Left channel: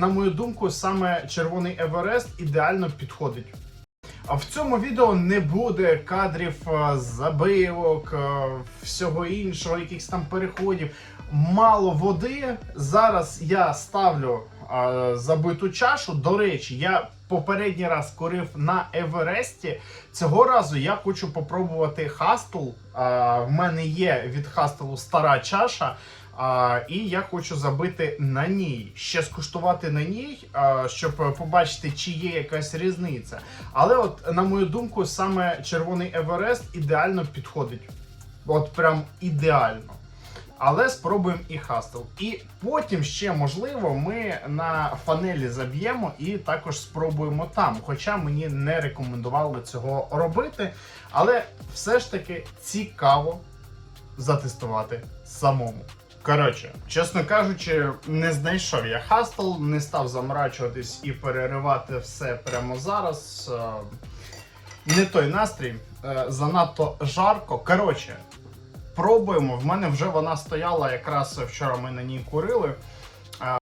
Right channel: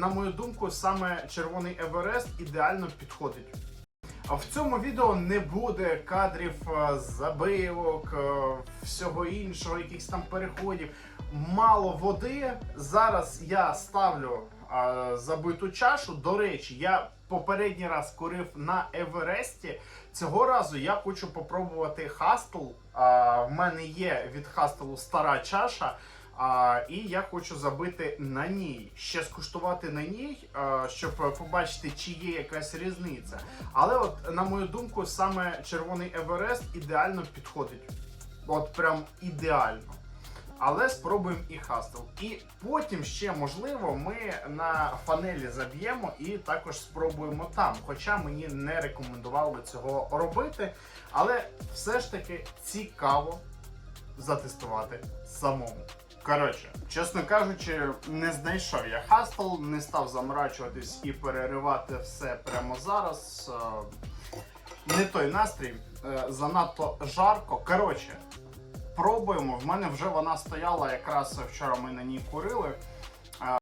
на мою думку, саме червоний Еверест ідеально підходить. А в цьому відео не буде кадрів е, забивок, е, всього іншого, якихось там переходів. Мало води. Зараз я ставлю забиту чашу. До речі, я попередній раз корив на Евересті. Цього разу я хочу попробувати хастл. В мене є від хастелу стара чаша. А, і я хочу забити на ній, ще скуштувати на ній, а, щоб побачити, чи є якась різниця. Але, от, на мою думку, саме червоний Еверест ідеально підходить. От прям ідеально. Але спробуємо і хастел. І потім ще можливо ми на фанелі заб'ємо і також спробуємо там. Хоча мені не рекомендували цього робити. Але все ж таки цікаво затестувати самому. Коротше, чесно кажучи, не знайшов я хастл, не став заморачуватись і переривати все прямо зараз. Е, Не той настрій, е, занадто жарко. Коротше, пробуємо. В мене вже вона стояла якраз вчора. Ми на ній курили.